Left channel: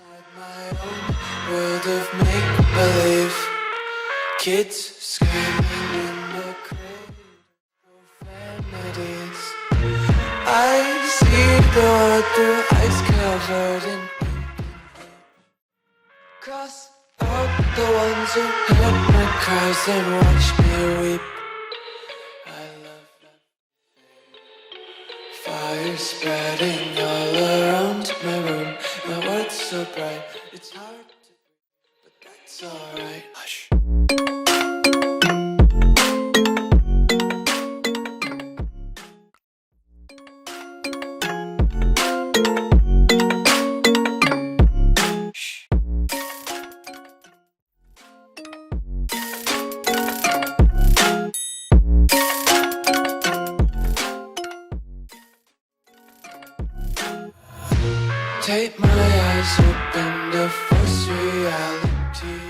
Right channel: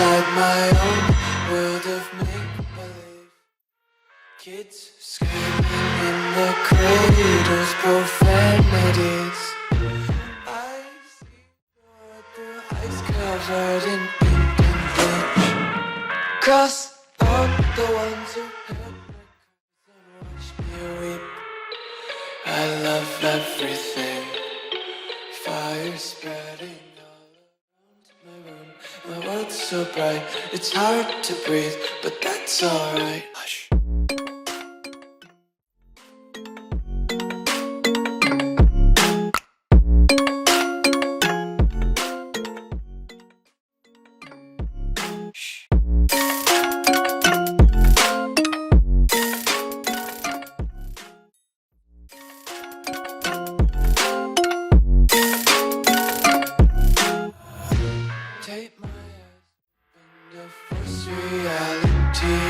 inside my own world of make-believe. Kids screaming in their cradles, profanities. I see the world through ice covered in ink and bleach. Cross out the ones who heard my cries and watched me weep. I love everything. Fire spreading all around my room. My world's so bright, it's hard to breathe, but that's alright. Hush. Take my eyes open to force reality.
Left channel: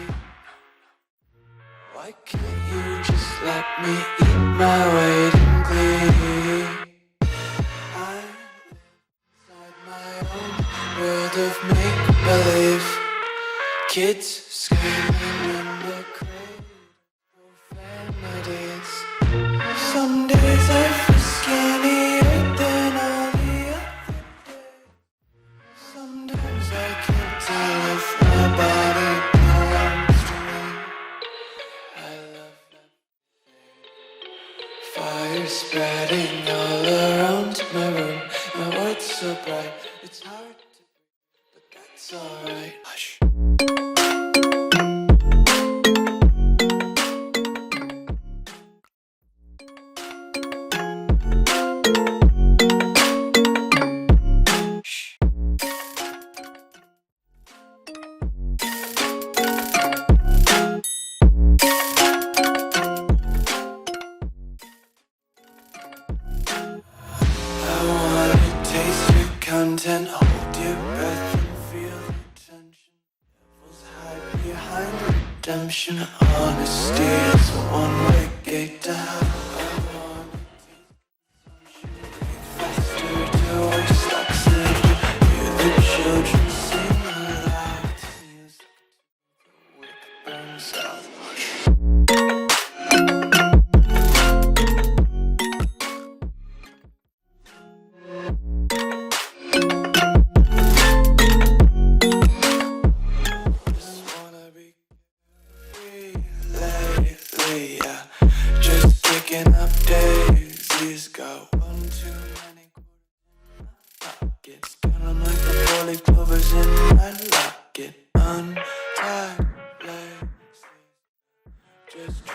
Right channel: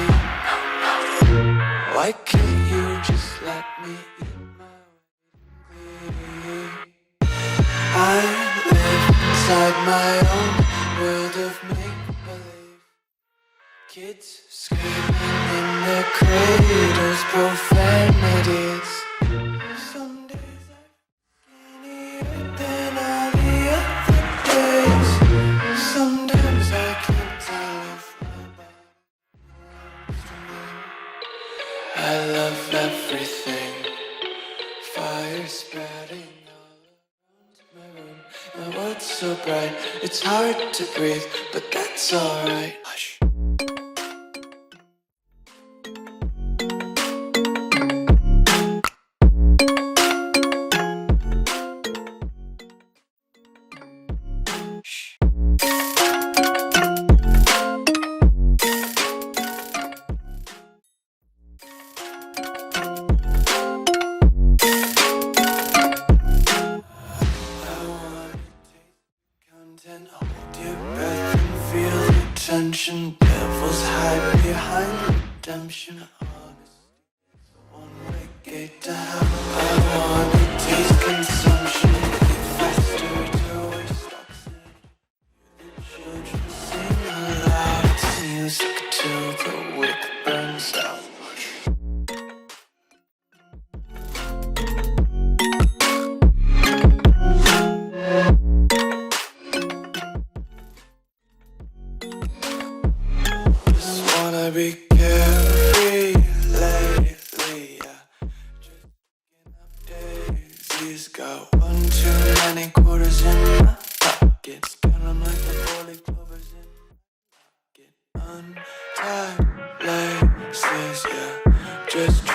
Why can't you just let me eat my weight in glee? I live inside my own world of make-believe. Kids screaming in their cradles, profanities. Some days I feel skinnier than all the other days. Sometimes I can't tell if my body belongs to me. I love everything. Fire spreading all around my room. My world's so bright, it's hard to breathe, but that's alright. Hush. Content, hold your breath and feel the tension. Devils hide behind redemption. Honesty is a one-way gate to hell. I wanna taste consumption, eat faster to waste oxygen. Hear the children sing aloud. It's music till the wick burns out. Be carefree lately, yeah. Just kicking up daisies. Got one too many quarters in my pocket. Spin 'em like the 4-leaf clovers in my locket. Untied laces, yeah. Just